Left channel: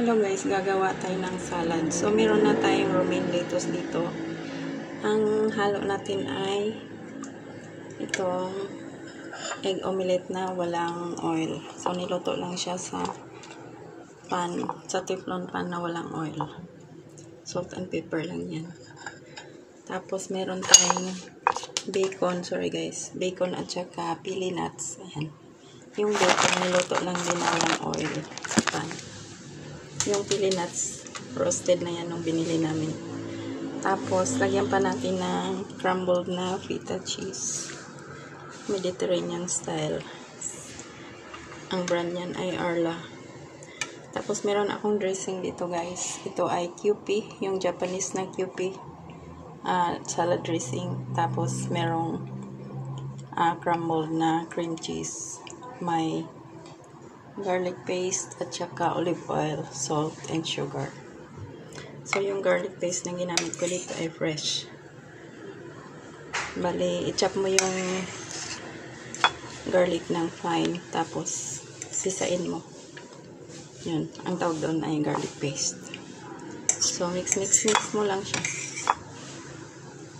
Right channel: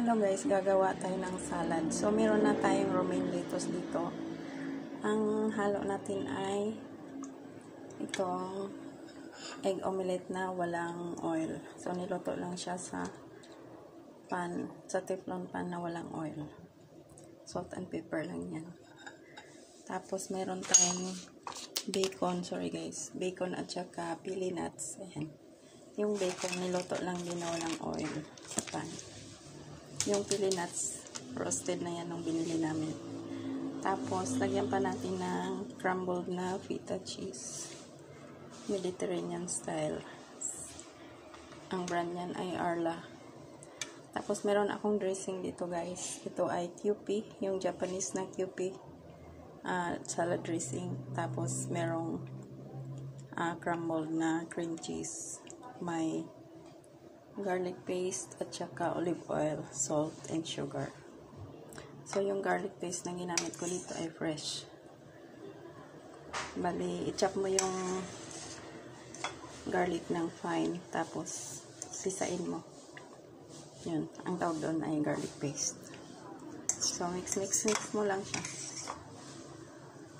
Hello guys, gagawa tayo ng salad. So, meron na tayong romaine lettuce dito. Ang halo natin ay itong egg omelette na walang oil. So, niluto lang siya sa pan, sa teflon pan na walang oil. Salt and pepper lang yan. Tapos, meron tayong bacon, sorry guys, bacon at saka pili nuts. Ayan. Yung bacon, niluto lang din na walang oil sa pan. Yung pili nuts, roasted na yan nung binili namin. Tapos, lagyan pa natin ng crumbled na feta cheese. Mediterranean style. Ang brand yan ay Arla. Tapos, meron akong dressing dito guys. Ito ay Kewpie, yung Japanese na Kewpie salad dressing. Tapos, merong crumbled na cream cheese. May garlic paste at saka olive oil, salt, and sugar. So, yung garlic paste na ginamit ko dito ay fresh. Bali, i-chop mo yung garlic ng fine, tapos sisain mo. Yun, ang tawag doon ay garlic paste. So, mix mo lang siya.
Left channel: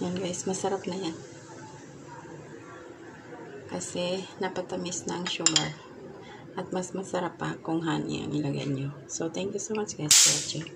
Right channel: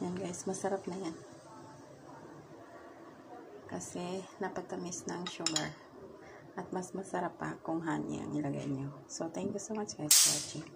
Yan guys, masarap na yan. Kasi, napatamis na ang sugar. At mas masarap pa kung honey ang ilagay nyo. So, thank you so much guys for watching.